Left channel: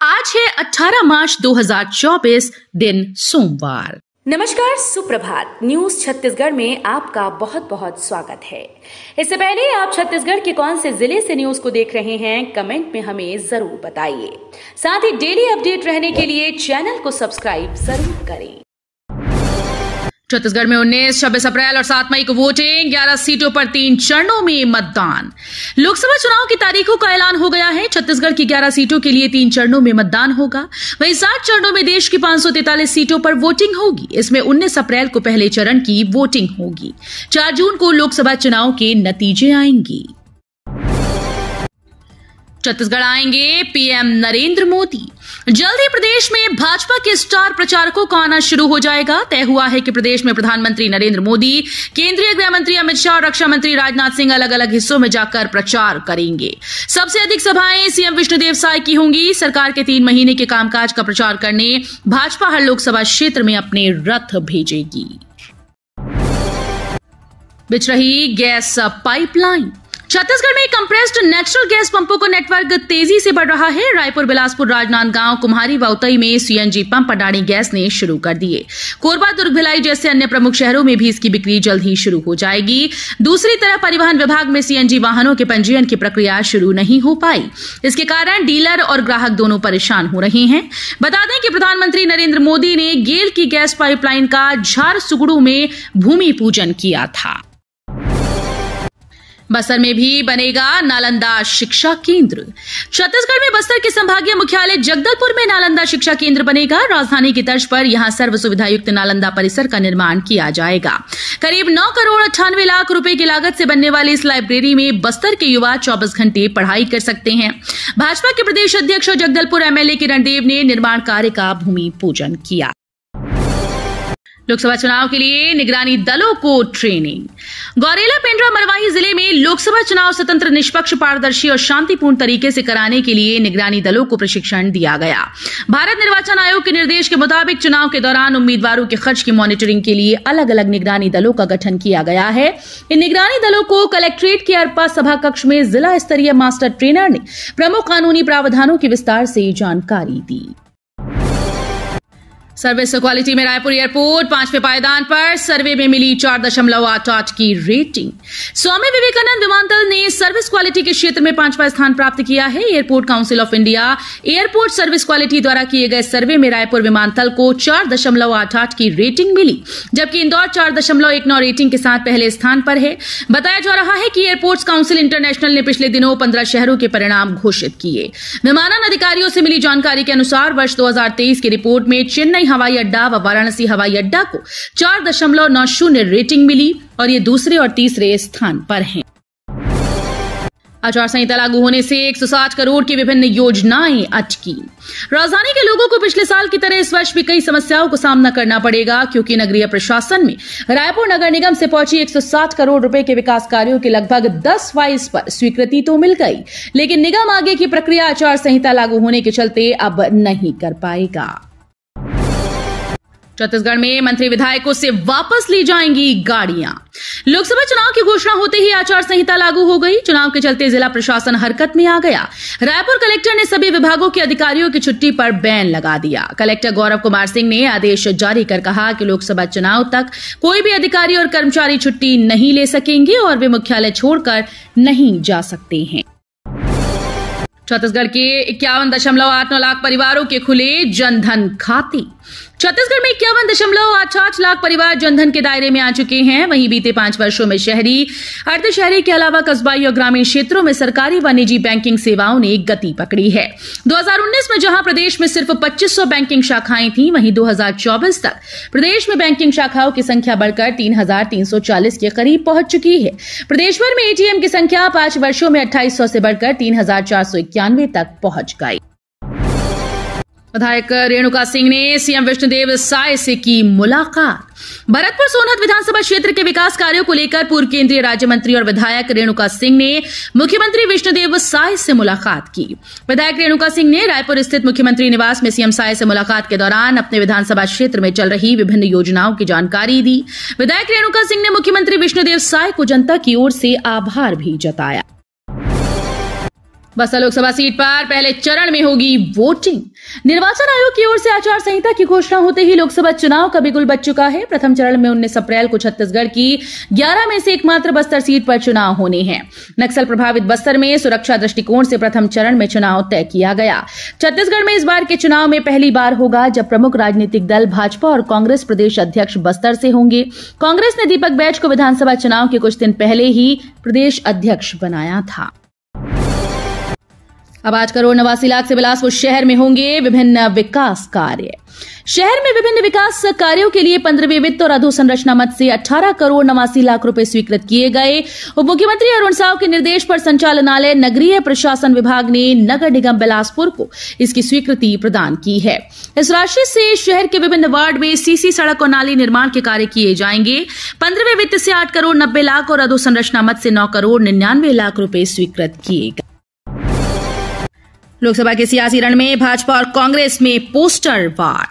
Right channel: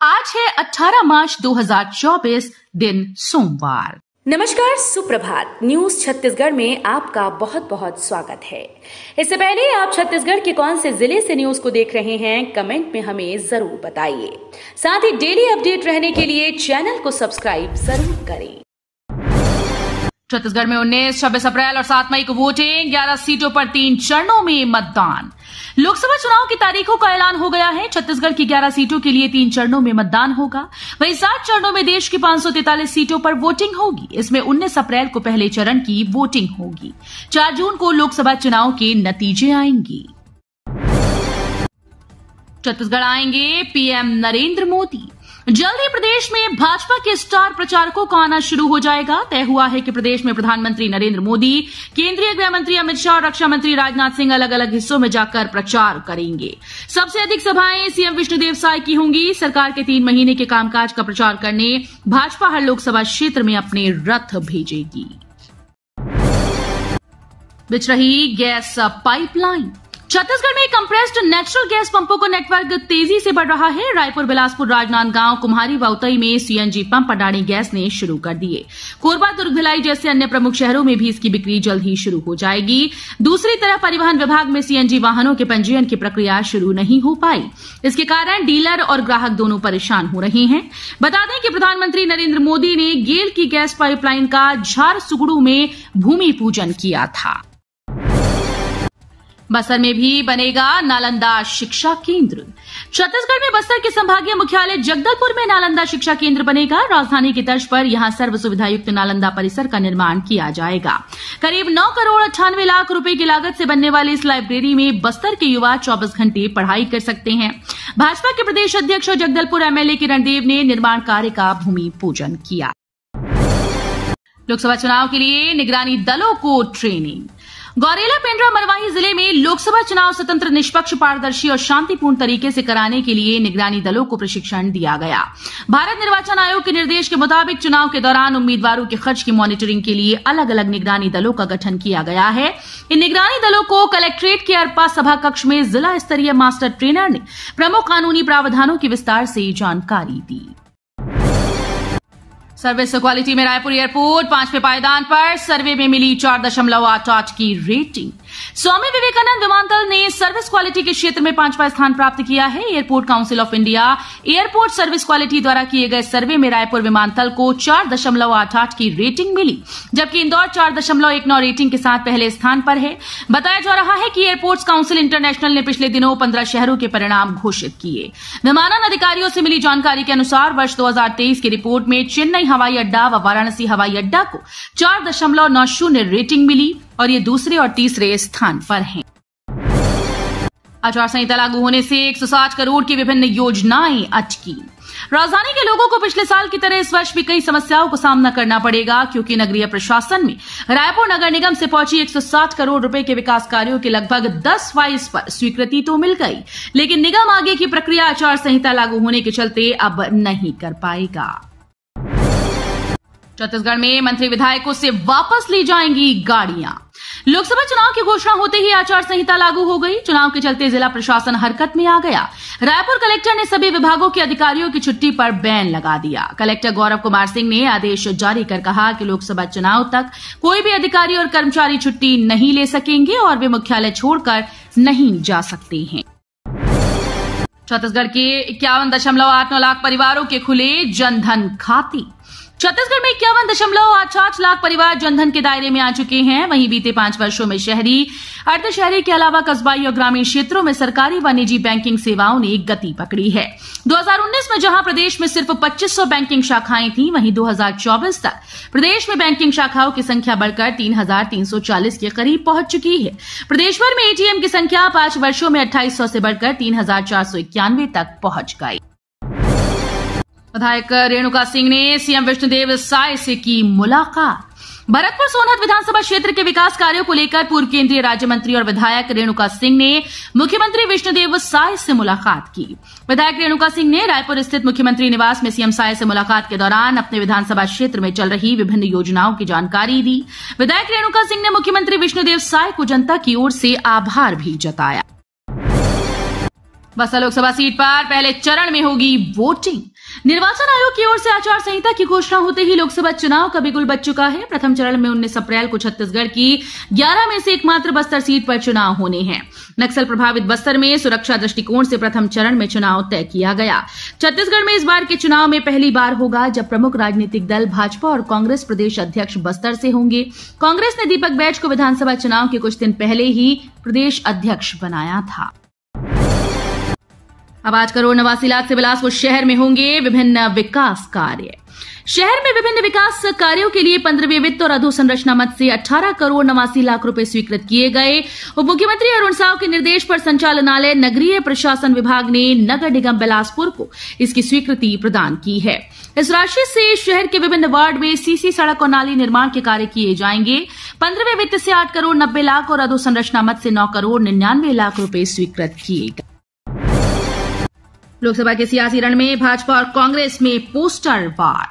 आज है 18 मार्च 2024, दिन सोमवार। नमस्कार, सुप्रभात। न्यूज छत्तीसगढ़ में आपका बहुत बहुत स्वागत है। इससे पहले आप छत्तीसगढ़ के कौन से जिले से न्यूज को देख रहे हैं, कमेंट में हमें जरूर बताइए। साथ ही डेली अपडेट रहने के लिए चैनल को सब्सक्राइब जरूर करें। छत्तीसगढ़ में 19, 26 अप्रैल और 7 मई को वोटिंग। 11 सीटों पर 3 चरणों में मतदान। लोकसभा चुनाव की तारीखों का ऐलान हो गया है। छत्तीसगढ़ की 11 सीटों के लिए 3 चरणों में मतदान होगा। वहीं 60 चरणों में देश की 543 सीटों पर वोटिंग होगी। इसमें 19 अप्रैल को पहले चरण की वोटिंग होगी। 4 जून को लोकसभा चुनाव के नतीजे आएंगे। छत्तीसगढ़ आएंगे पीएम नरेंद्र मोदी। जल्द ही प्रदेश में भाजपा के स्टार प्रचारकों का आना शुरू हो जाएगा। तय हुआ है कि प्रदेश में प्रधानमंत्री नरेंद्र मोदी, केंद्रीय गृह मंत्री अमित शाह और रक्षा मंत्री राजनाथ सिंह अलग अलग हिस्सों में जाकर प्रचार करेंगे। सबसे अधिक सभाएं सीएम विष्णुदेव साय की होंगी। सरकार के 3 महीने के कामकाज का प्रचार करने भाजपा हर लोकसभा क्षेत्र में अपने रथ भेजेगी। बिछ रही गैस पाइपलाइन। छत्तीसगढ़ में कंप्रेस्ड नेचुरल गैस पंपों का नेटवर्क तेजी से बढ़ रहा है। रायपुर, बिलासपुर, राजनांदगांव, कुम्हारी व उतई में सीएनजी पंप अडानी गैस ने शुरू कर दिए। कोरबा, दुर्ग, भिलाई जैसे अन्य प्रमुख शहरों में भी इसकी बिक्री जल्द ही शुरू हो जाएगी। दूसरी तरफ परिवहन विभाग में सीएनजी वाहनों के पंजीयन की प्रक्रिया शुरू नहीं हो पाई। इसके कारण डीलर और ग्राहक दोनों परेशान हो रहे हैं। बता दें कि प्रधानमंत्री नरेंद्र मोदी ने गेल की गैस पाइपलाइन का झारसुगुड़ू में भूमि पूजन किया था। बस्तर में भी बनेगा नालंदा शिक्षा केंद्र। छत्तीसगढ़ में बस्तर के संभागीय मुख्यालय जगदलपुर में नालंदा शिक्षा केंद्र बनेगा। राजधानी की तर्ज पर यहां सर्व सुविधायुक्त नालंदा परिसर का निर्माण किया जाएगा। करीब 9 करोड़ 98 लाख रुपए की लागत से बनने वाली इस लाइब्रेरी में बस्तर के युवा 24 घंटे पढ़ाई कर सकते हैं। भाजपा के प्रदेश अध्यक्ष और जगदलपुर एमएलए किरण देव ने निर्माण कार्य का भूमि पूजन किया। लोकसभा चुनाव के लिए निगरानी दलों को ट्रेनिंग। गौरेला, पेंड्रा, मरवाही जिले में लोकसभा चुनाव स्वतंत्र, निष्पक्ष, पारदर्शी और शांतिपूर्ण तरीके से कराने के लिए निगरानी दलों को प्रशिक्षण दिया गया। भारत निर्वाचन आयोग के निर्देश के मुताबिक चुनाव के दौरान उम्मीदवारों के खर्च की मॉनिटरिंग के लिए अलग अलग निगरानी दलों का गठन किया गया है। इन निगरानी दलों को कलेक्ट्रेट के अरपा सभा कक्ष में जिला स्तरीय मास्टर ट्रेनर ने प्रमुख कानूनी प्रावधानों की विस्तार से जानकारी दी। सर्विस क्वालिटी में रायपुर एयरपोर्ट 5वें पायदान पर। सर्वे में मिली 4.88 की रेटिंग। स्वामी विवेकानंद विमानतल ने सर्विस क्वालिटी के क्षेत्र में 5वां स्थान प्राप्त किया है। Airport council of India airport service quality द्वारा किए गए सर्वे में रायपुर विमानतल को 4.88 की रेटिंग मिली, जबकि इंदौर 4.19 रेटिंग के साथ पहले स्थान पर है। बताया जा रहा है कि एयरपोर्ट्स काउंसिल इंटरनेशनल ने पिछले दिनों 15 शहरों के परिणाम घोषित किए। विमानन अधिकारियों से मिली जानकारी के अनुसार वर्ष 2023 की रिपोर्ट में चेन्नई हवाई अड्डा व वाराणसी हवाई अड्डा को 4.90 रेटिंग मिली और ये दूसरे और तीसरे स्थान पर हैं। आचार संहिता लागू होने से 160 करोड़ की विभिन्न योजनाएं अटकी। राजधानी के लोगों को पिछले साल की तरह इस वर्ष भी कई समस्याओं को सामना करना पड़ेगा, क्योंकि नगरीय प्रशासन में रायपुर नगर निगम से पहुंची 160 करोड़ रुपए के विकास कार्यों के लगभग 10% पर स्वीकृति तो मिल गई, लेकिन निगम आगे की प्रक्रिया आचार संहिता लागू होने के चलते अब नहीं कर पाएगा। छत्तीसगढ़ में मंत्री विधायकों से वापस ली जाएंगी गाड़ियां। लोकसभा चुनाव की घोषणा होते ही आचार संहिता लागू हो गई। चुनाव के चलते जिला प्रशासन हरकत में आ गया। रायपुर कलेक्टर ने सभी विभागों के अधिकारियों की छुट्टी पर बैन लगा दिया। कलेक्टर गौरव कुमार सिंह ने आदेश जारी कर कहा कि लोकसभा चुनाव तक कोई भी अधिकारी और कर्मचारी छुट्टी नहीं ले सकेंगे और वे मुख्यालय छोड़कर नहीं जा सकते हैं। छत्तीसगढ़ के 51.89 लाख परिवारों के खुले जनधन खाते। छत्तीसगढ़ में 51.88 लाख परिवार जनधन के दायरे में आ चुके हैं। वहीं बीते 5 वर्षों में शहरी, अर्धशहरी के अलावा कस्बाई और ग्रामीण क्षेत्रों में सरकारी व निजी बैंकिंग सेवाओं ने गति पकड़ी है। 2019 में जहां प्रदेश में सिर्फ 2500 बैंकिंग शाखाएं थीं, वहीं 2024 तक प्रदेश में बैंकिंग शाखाओं की संख्या बढ़कर 3340 के करीब पहुंच चुकी है। प्रदेश भर में एटीएम की संख्या 5 वर्षों में 2800 से बढ़कर 3491 तक पहुंच गई। विधायक रेणुका सिंह ने सीएम विष्णुदेव साय से की मुलाकात। भरतपुर सोनहत विधानसभा क्षेत्र के विकास कार्यों को लेकर पूर्व केंद्रीय राज्य मंत्री और विधायक रेणुका सिंह ने मुख्यमंत्री विष्णुदेव साय से मुलाकात की। विधायक रेणुका सिंह ने रायपुर स्थित मुख्यमंत्री निवास में सीएम साय से मुलाकात के दौरान अपने विधानसभा क्षेत्र में चल रही विभिन्न योजनाओं की जानकारी दी। विधायक रेणुका सिंह ने मुख्यमंत्री विष्णुदेव साय को जनता की ओर से आभार भी जताया। बस्तर लोकसभा सीट पर पहले चरण में होगी वोटिंग। निर्वाचन आयोग की ओर से आचार संहिता की घोषणा होते ही लोकसभा चुनाव का बिगुल बज चुका है। प्रथम चरण में 19 अप्रैल को छत्तीसगढ़ की 11 में से एकमात्र बस्तर सीट पर चुनाव होने हैं। नक्सल प्रभावित बस्तर में सुरक्षा दृष्टिकोण से प्रथम चरण में चुनाव तय किया गया। छत्तीसगढ़ में इस बार के चुनाव में पहली बार होगा जब प्रमुख राजनीतिक दल भाजपा और कांग्रेस प्रदेश अध्यक्ष बस्तर से होंगे। कांग्रेस ने दीपक बैज को विधानसभा चुनाव के कुछ दिन पहले ही प्रदेश अध्यक्ष बनाया था। अब 8 करोड़ 89 लाख से बिलासपुर शहर में होंगे विभिन्न विकास कार्य। शहर में विभिन्न विकास कार्यों के लिए 15वें वित्त और अधोसंरचना मद से 18 करोड़ 89 लाख रुपए स्वीकृत किए गए। उप मुख्यमंत्री अरुण साव के निर्देश पर संचालनालय नगरीय प्रशासन विभाग ने नगर निगम बिलासपुर को इसकी स्वीकृति प्रदान की है। इस राशि से शहर के विभिन्न वार्ड में सीसी सड़क और नाली निर्माण के कार्य किए जाएंगे। 15वें वित्त से 8 करोड़ 90 लाख और अधोसंरचना मद से 9 करोड़ 99 लाख रुपए स्वीकृत किए गए। लोकसभा के सियासी रण में भाजपा और कांग्रेस में पोस्टर वार।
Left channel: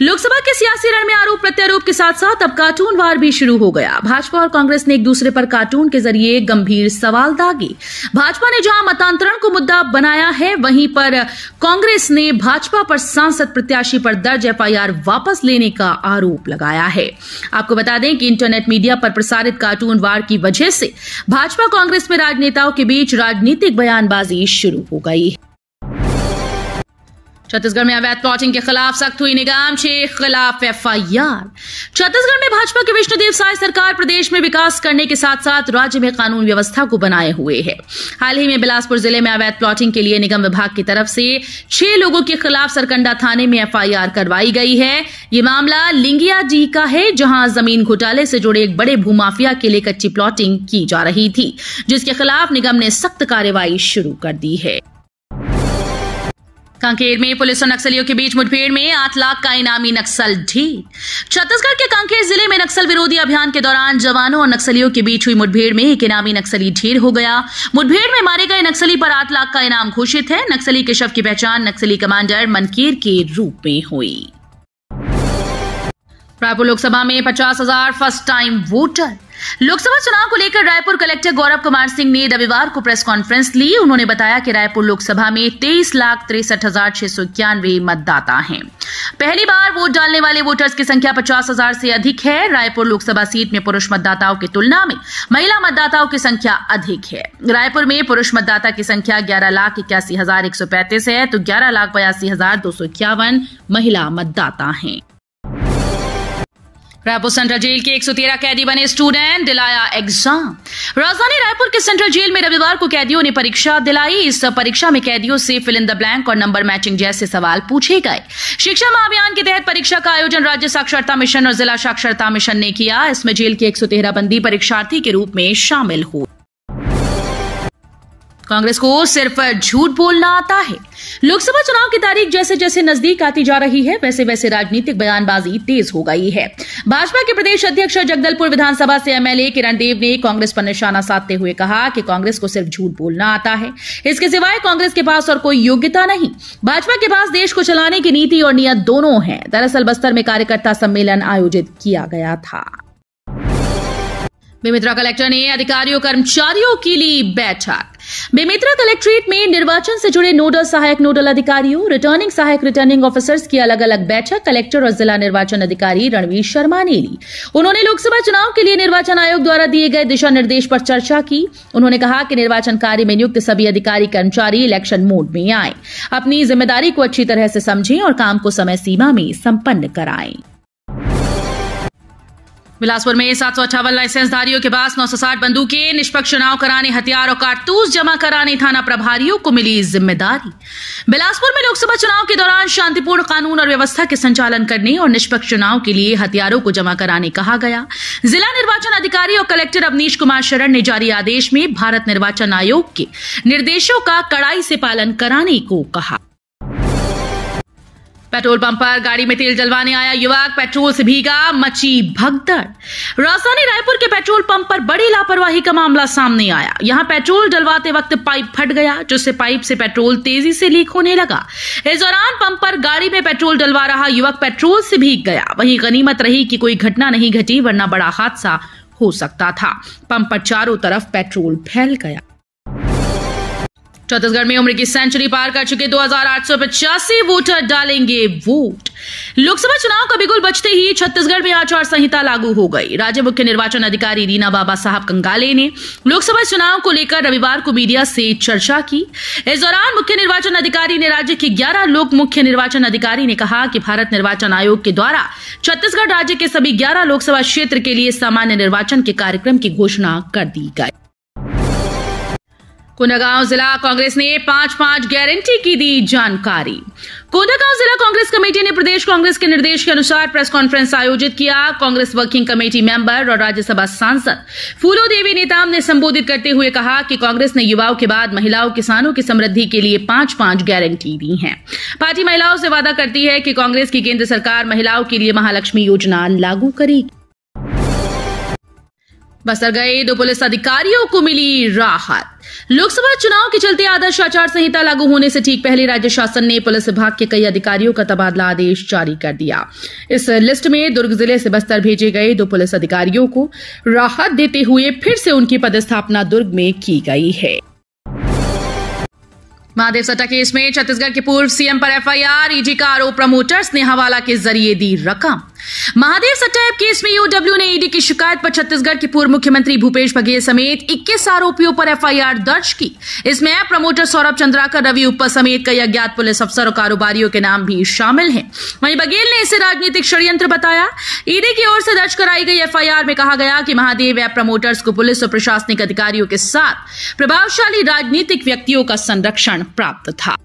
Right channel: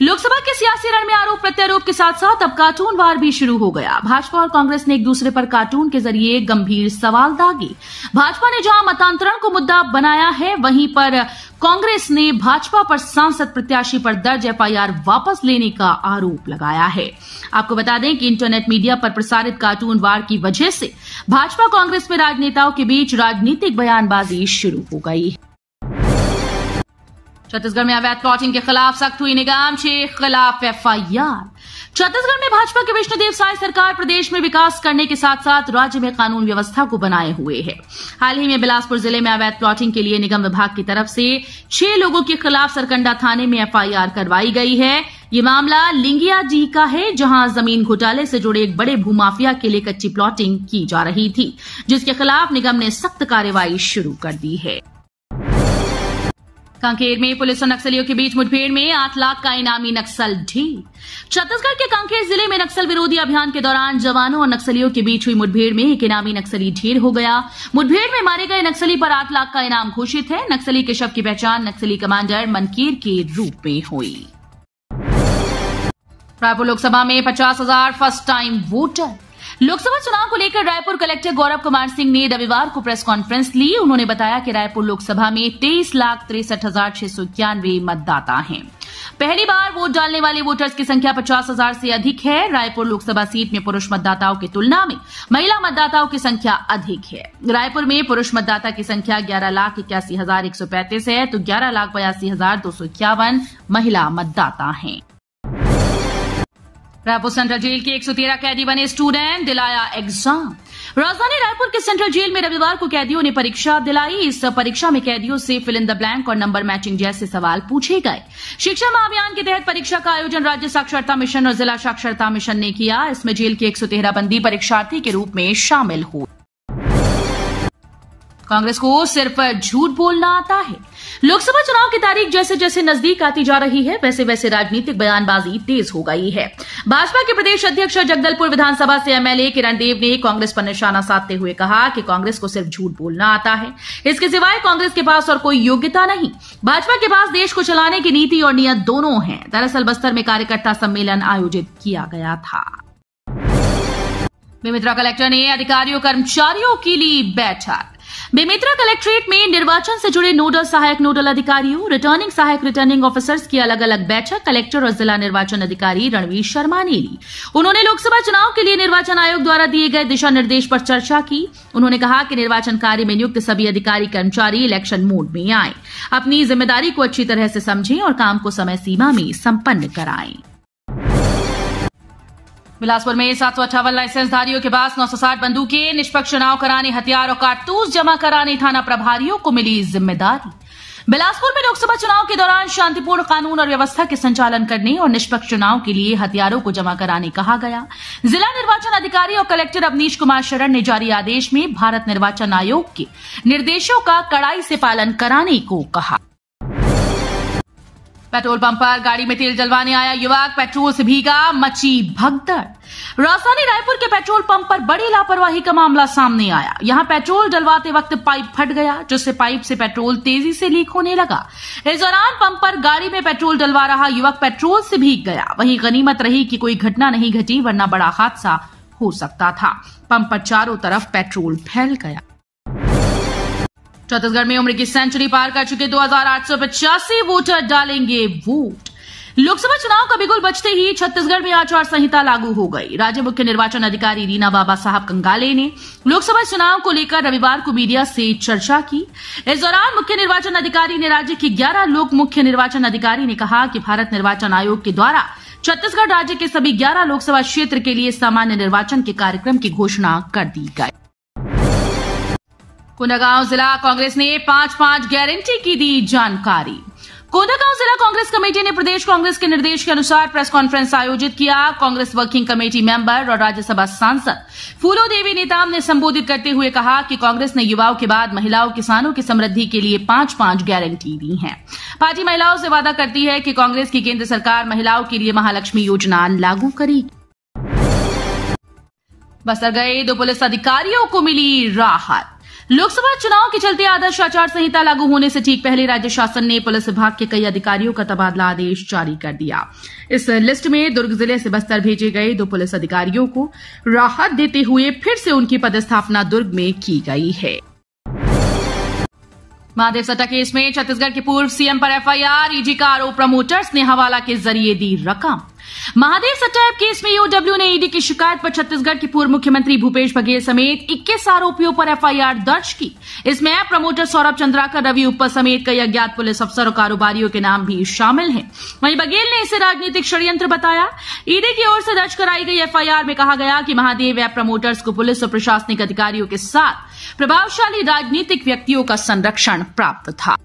लोकसभा के सियासी रण में आरोप प्रत्यारोप के साथ साथ अब कार्टून वार भी शुरू हो गया। भाजपा और कांग्रेस ने एक दूसरे पर कार्टून के जरिए गंभीर सवाल दागे। भाजपा ने जहां मतांतरण को मुद्दा बनाया है, वहीं पर कांग्रेस ने भाजपा पर सांसद प्रत्याशी पर दर्ज एफआईआर वापस लेने का आरोप लगाया है। आपको बता दें कि इंटरनेट मीडिया पर प्रसारित कार्टून वार की वजह से भाजपा कांग्रेस में राजनेताओं के बीच राजनीतिक बयानबाजी शुरू हो गई। छत्तीसगढ़ में अवैध प्लॉटिंग के खिलाफ सख्त हुई निगम के खिलाफ एफआईआर। छत्तीसगढ़ में भाजपा के विष्णुदेव साय सरकार प्रदेश में विकास करने के साथ साथ राज्य में कानून व्यवस्था को बनाए हुए है। हाल ही में बिलासपुर जिले में अवैध प्लॉटिंग के लिए निगम विभाग की तरफ से 6 लोगों के खिलाफ सरकंडा थाने में एफआईआर करवाई गई है। ये मामला लिंगिया जी का है, जहां जमीन घोटाले से जुड़े एक बड़े भूमाफिया के लिए कच्ची प्लॉटिंग की जा रही थी, जिसके खिलाफ निगम ने सख्त कार्रवाई शुरू कर दी है। कांकेर में पुलिस और नक्सलियों के बीच मुठभेड़ में 8 लाख का इनामी नक्सल ढेर। छत्तीसगढ़ के कांकेर जिले में नक्सल विरोधी अभियान के दौरान जवानों और नक्सलियों के बीच हुई मुठभेड़ में एक इनामी नक्सली ढेर हो गया। मुठभेड़ में मारे गए नक्सली पर 8 लाख का इनाम घोषित है। नक्सली के शव की पहचान नक्सली कमांडर मनकेर के रूप में हुई। रायपुर लोकसभा में 50,000 फर्स्ट टाइम वोटर। लोकसभा चुनाव को लेकर रायपुर कलेक्टर गौरव कुमार सिंह ने रविवार को प्रेस कॉन्फ्रेंस ली। उन्होंने बताया कि रायपुर लोकसभा में 23,63,691 मतदाता हैं। पहली बार वोट डालने वाले वोटर्स की संख्या 50,000 से अधिक है। रायपुर लोकसभा सीट में पुरुष मतदाताओं की तुलना में महिला मतदाताओं की संख्या अधिक है। रायपुर में पुरुष मतदाता की संख्या 11,81,135 है, तो 11,82,251 महिला मतदाता हैं। रायपुर सेंट्रल जेल के 113 कैदी बने स्टूडेंट, दिलाया एग्जाम। राजधानी रायपुर के सेंट्रल जेल में रविवार को कैदियों ने परीक्षा दिलाई। इस परीक्षा में कैदियों से फिल इन द ब्लैंक और नंबर मैचिंग जैसे सवाल पूछे गए। शिक्षा महाअभियान के तहत परीक्षा का आयोजन राज्य साक्षरता मिशन और जिला साक्षरता मिशन ने किया। इसमें जेल के 113 बंदी परीक्षार्थी के रूप में शामिल हुए। कांग्रेस को सिर्फ झूठ बोलना आता है। लोकसभा चुनाव की तारीख जैसे जैसे नजदीक आती जा रही है, वैसे वैसे राजनीतिक बयानबाजी तेज हो गई है। भाजपा के प्रदेश अध्यक्ष और जगदलपुर विधानसभा से एमएलए किरण देव ने कांग्रेस पर निशाना साधते हुए कहा कि कांग्रेस को सिर्फ झूठ बोलना आता है, इसके सिवाय कांग्रेस के पास और कोई योग्यता नहीं। भाजपा के पास देश को चलाने की नीति और नियत दोनों है। दरअसल बस्तर में कार्यकर्ता सम्मेलन आयोजित किया गया था। बेमेतरा कलेक्टर ने अधिकारियों कर्मचारियों की ली बैठक। बेमेतरा कलेक्ट्रेट में निर्वाचन से जुड़े नोडल सहायक नोडल अधिकारियों, रिटर्निंग सहायक रिटर्निंग ऑफिसर्स की अलग अलग बैठक कलेक्टर और जिला निर्वाचन अधिकारी रणवीर शर्मा ने ली। उन्होंने लोकसभा चुनाव के लिए निर्वाचन आयोग द्वारा दिए गए दिशा निर्देश पर चर्चा की। उन्होंने कहा कि निर्वाचन कार्य में नियुक्त सभी अधिकारी कर्मचारी इलेक्शन मोड में आए, अपनी जिम्मेदारी को अच्छी तरह से समझें और काम को समय सीमा में संपन्न कराएं। बिलासपुर में 758 लाइसेंसधारियों के पास 960 बंदूकें, निष्पक्ष चुनाव कराने हथियार और कारतूस जमा कराने थाना प्रभारियों को मिली जिम्मेदारी। बिलासपुर में लोकसभा चुनाव के दौरान शांतिपूर्ण कानून और व्यवस्था के संचालन करने और निष्पक्ष चुनाव के लिए हथियारों को जमा कराने कहा गया। जिला निर्वाचन अधिकारी और कलेक्टर अवनीश कुमार शरण ने जारी आदेश में भारत निर्वाचन आयोग के निर्देशों का कड़ाई से पालन कराने को कहा। पेट्रोल पंप पर गाड़ी में तेल डलवाने आया युवक, पेट्रोल से भीगा, मची भगदड़। राजधानी रायपुर के पेट्रोल पंप पर बड़ी लापरवाही का मामला सामने आया। यहां पेट्रोल डलवाते वक्त पाइप फट गया, जिससे पाइप से पेट्रोल तेजी से लीक होने लगा। इस दौरान पंप पर गाड़ी में पेट्रोल डलवा रहा युवक पेट्रोल से भीग गया। वहीं गनीमत रही कि कोई घटना नहीं घटी, वरना बड़ा हादसा हो सकता था। पंप पर चारों तरफ पेट्रोल फैल गया। छत्तीसगढ़ में उम्र की सेंचुरी पार कर चुके 2885 वोटर डालेंगे वोट। लोकसभा चुनाव का बिगुल बजते ही छत्तीसगढ़ में आचार संहिता लागू हो गई। राज्य मुख्य निर्वाचन अधिकारी रीना बाबा साहब कंगाले ने लोकसभा चुनाव को लेकर रविवार को मीडिया से चर्चा की। इस दौरान मुख्य निर्वाचन अधिकारी ने राज्य के 11 लोक मुख्य निर्वाचन अधिकारी ने कहा कि भारत निर्वाचन आयोग के द्वारा छत्तीसगढ़ राज्य के सभी 11 लोकसभा क्षेत्र के लिए सामान्य निर्वाचन के कार्यक्रम की घोषणा कर दी गई। कोंडागांव जिला कांग्रेस ने 5-5 गारंटी की दी जानकारी। कोंडागांव जिला कांग्रेस कमेटी ने प्रदेश कांग्रेस के निर्देश के अनुसार प्रेस कॉन्फ्रेंस आयोजित किया। कांग्रेस वर्किंग कमेटी मेंबर और राज्यसभा सांसद फूलो देवी नेताम ने संबोधित करते हुए कहा कि कांग्रेस ने युवाओं के बाद महिलाओं किसानों की समृद्धि के लिए 5-5 गारंटी दी हैं। पार्टी महिलाओं से वादा करती है कि कांग्रेस की केंद्र सरकार महिलाओं के लिए महालक्ष्मी योजना लागू करेगी। बस्तर गए 2 पुलिस अधिकारियों को मिली राहत। लोकसभा चुनाव के चलते आदर्श आचार संहिता लागू होने से ठीक पहले राज्य शासन ने पुलिस विभाग के कई अधिकारियों का तबादला आदेश जारी कर दिया। इस लिस्ट में दुर्ग जिले से बस्तर भेजे गए 2 पुलिस अधिकारियों को राहत देते हुए फिर से उनकी पदस्थापना दुर्ग में की गई है। महादेव सट्टा केस में छत्तीसगढ़ के पूर्व सीएम पर एफआईआर, ईडी का आरोप, प्रमोटर्स ने हवाला के जरिए दी रकम। महादेव सट्टा केस में ईओडब्ल्यू ने ईडी की शिकायत पर छत्तीसगढ़ के पूर्व मुख्यमंत्री भूपेश बघेल समेत 21 आरोपियों पर एफआईआर दर्ज की। इसमें प्रमोटर सौरभ चंद्राकर, रवि उप्पा समेत कई अज्ञात पुलिस अफसर और कारोबारियों के नाम भी शामिल हैं। वहीं बघेल ने इसे राजनीतिक षड्यंत्र बताया। ईडी की ओर से दर्ज कराई गई एफआईआर में कहा गया कि महादेव ऐप प्रमोटर्स को पुलिस और प्रशासनिक अधिकारियों के साथ प्रभावशाली राजनीतिक व्यक्तियों का संरक्षण प्राप्त था।